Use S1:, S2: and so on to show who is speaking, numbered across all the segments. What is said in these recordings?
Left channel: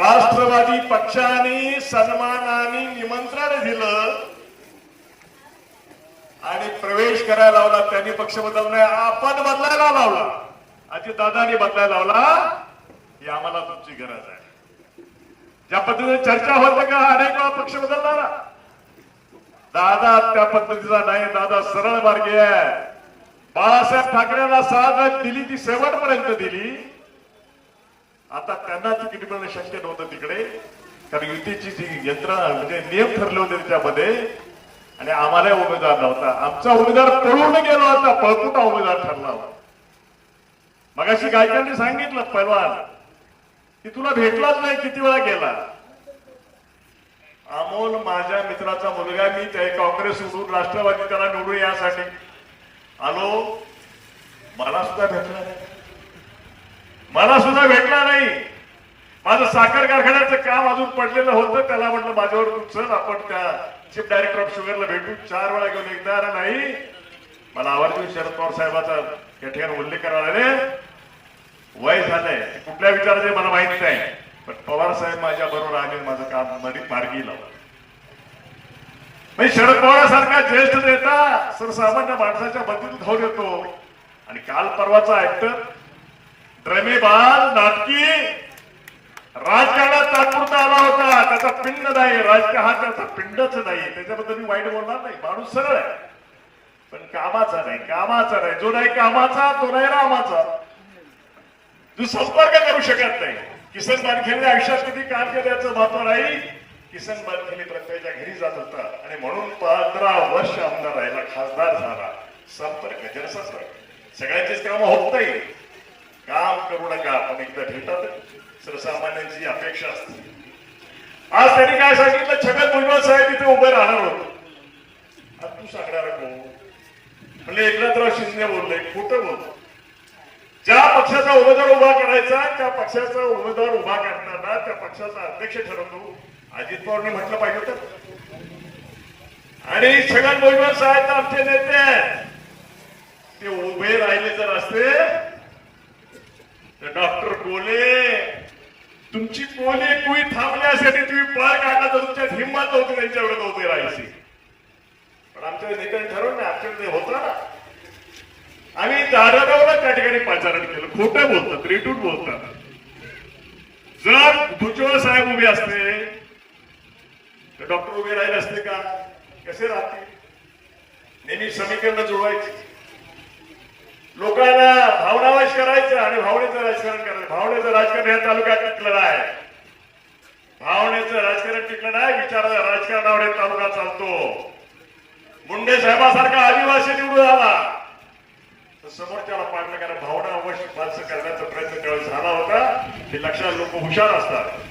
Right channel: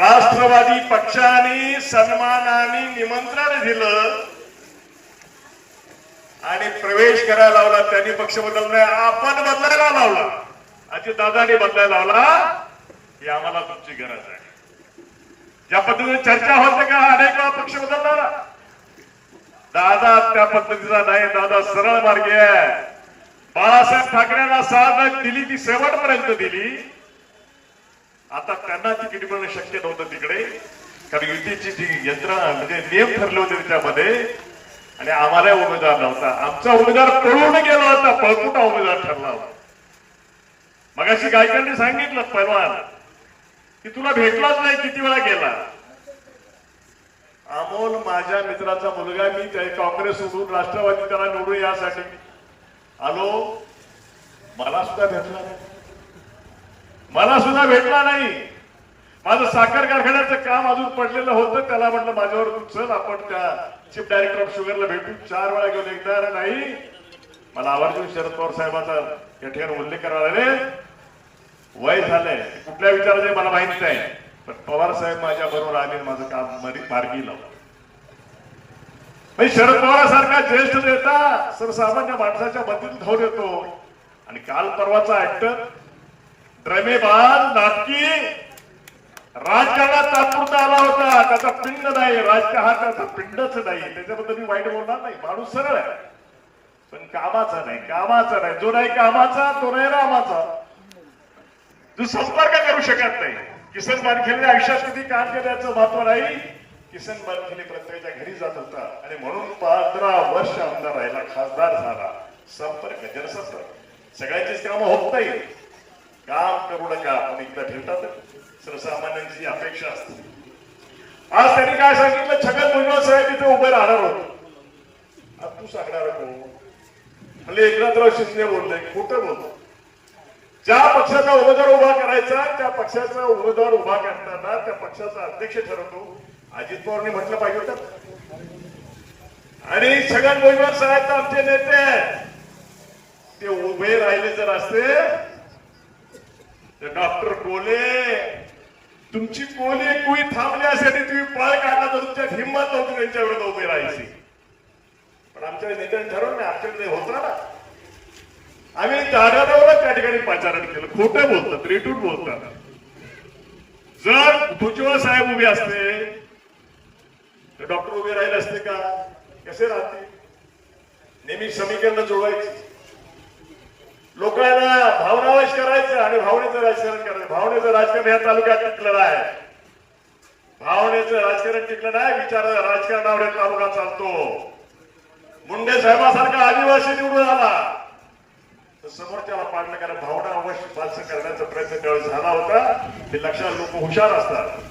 S1: राष्ट्रवादी पक्षाने सन्मानाने निमंत्रण दिलं आणि प्रवेश करायला लावला. त्यांनी पक्ष बदलला आपण बदलायला लावला. अजित दादानी बदलायला लावला. ही आम्हाला तुमची गरज आहे. ज्या पद्धतीने चर्चा होते का अनेक वेळा पक्ष बदलणारा. दादा त्या पद्धतीचा नाही. दादा सरळ मार्गी आहे. बाळासाहेब ठाकरेंना साथ दिली ती शेवटपर्यंत दिली. आता त्यांना तिकीट मिळणं शक्य नव्हतं तिकडे. कारण युतीची जी यंत्रणा म्हणजे नियम ठरले होते त्याच्यामध्ये आणि आम्हाला उमेदवार नव्हता. आमचा उमेदवार पळून गेला होता पळकुटा उमेदवार ठरला होता. मगाशी गायकांनी सांगितलं पैलवान की तुला भेटलाच नाही किती वेळा गेला? अमोल माझ्या मित्राचा मुलगा मी त्या काँग्रेस सोडून राष्ट्रवादी त्याला निवडून यासाठी. आलो. मला सुद्धा भेटला मला सुद्धा भेटला नाही. माझं साखर कारखान्याचं काम अजून पडलेलं होतं. त्याला म्हटलं माझ्यावर चल आपण त्या चीफ डायरेक्टर ऑफ शुगरला भेटू. चार वेळा घेऊन एकदा आला नाही. मला आवर्जून शरद पवार साहेबाचा या ठिकाणी उल्लेख करायला वय झालंय. कुठल्या विचाराचे मला माहीत नाही. पण पवार साहेब माझ्या बरोबर आले माझं काम मरी- मार्गी लावलं. नाही शरद पवारासारखा ज्येष्ठ नेता सर्वसामान्य माणसाच्या मदतीत धावून येतो. आणि काल परवाचा ऍक्टर ड्रमेबाज नाटकी राजकारणात तात्पुरता आला होता. त्याचा पिंड नाही राजकारण हा त्याचा पिंडच नाही. त्याच्याबद्दल मी वाईट बोलणार नाही. माणूस सरळ आहे. पण कामाचा नाही कामाचा नाही. जो नाही कामाचा तो नाही रामाचा. तू संपर्क करू शकत नाही. किसन बारखेने आयुष्यात किती काम केल्याचं महत्त्व नाही. किसन बारखेने प्रत्येकाच्या घरी जात होता. आणि म्हणून पंधरा वर्ष आमदार राहिला खासदार झाला. संपर्क जनसंपर्क. सगळ्यांचीच कामं होत नाही. काम करू नका. पण एकदा ठेवतात सर्वसामान्यांची अपेक्षा असते. आज त्यांनी काय सांगितलं? छगन भुजबळ साहेब इथे उभे राहणार होते. आज तू सांगणार कोण म्हणजे एकनाथराव शिंदे बोलले खोटं बोलतो ज्या पक्षाचा उमेदवार उभा करायचा त्या पक्षाचा उमेदवार उभा करताना त्या पक्षाचा अध्यक्ष ठरवतो. अजित पवारने म्हटलं पाहिजे होतं. आणि छगन भुजबळ साहेब आमचे नेते ते उभे राहिले जर असते तर डॉक्टर बोले तुमची कोले कुई थांबण्यासाठी तुम्ही पळ काढला तर तुमच्यात हिंमत होती त्यांच्या वेळेला उभे राहायची. पण आमच्या नेत्याने ठरवलं आमच्याकडे होता ना आम्ही दादादेवला त्या ठिकाणी प्रचारण केलं. खोटं बोलतात रेटून बोलतात. जर भुजबळ साहेब उभे असते तर डॉक्टर उभे राहिले असते का? कसे राहते नेहमी समीकरण जुळवायची. लोकांना भावनावाश करायचं आणि भावनेचं राजकारण करायचं. भावनेचं राजकारण या तालुक्यात टिकलं आहे भावनेचं राजकारण टिकलं नाही विचार राजकारणावर हे तालुका चालतो. मुंडे साहेबासारखा आदिवासी निवडून आला. तर समोरच्याला पाडलं कारण भावना अवश्य फारसं करण्याचा प्रयत्न त्यावेळेस झाला होता. ते लक्षात लोक हुशार असतात.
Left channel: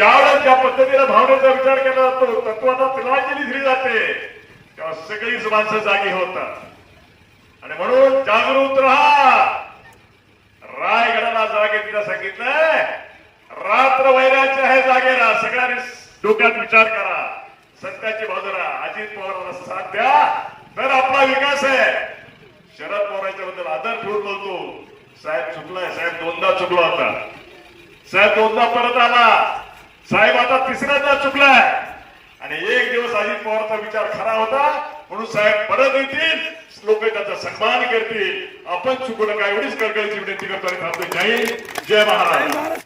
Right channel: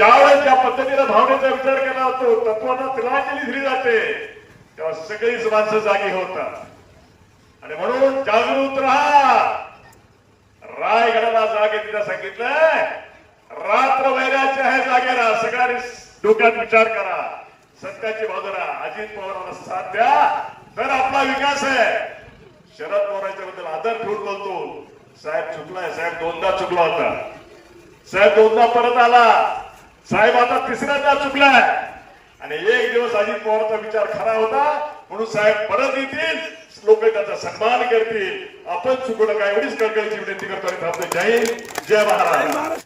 S1: ज्यावेळेस ज्या पद्धतीने भावनेचा विचार केला जातो तत्वाला तिलांजली दिली जाते तेव्हा सगळीच माणसं जागी होतात. आणि म्हणून जागृत राहा. रायगडाला जागे तिला सांगितलंय रात्र वैराच्या आहे जागे राहा. सगळ्यांनी डोक्यात विचार करा. सत्याची बाजू राहा. अजित पवारांना साथ द्या. तर आपला विकास आहे. शरद पवारांच्या बद्दल आदर ठेवून बोलतो. साहेब चुकलाय. साहेब दोनदा चुकला होता. साहेब दोनदा परत आला. साहेब आता तिसऱ्यांदा चुकलाय आणि एक दिवस अजित पवारचा विचार खरा होता. म्हणून साहेब परत येतील. लोक त्याचा सन्मान करतील. आपण चुकलं काय एवढीच कळकळीची विनंती करतो आणि थांबतो जय जय महाराज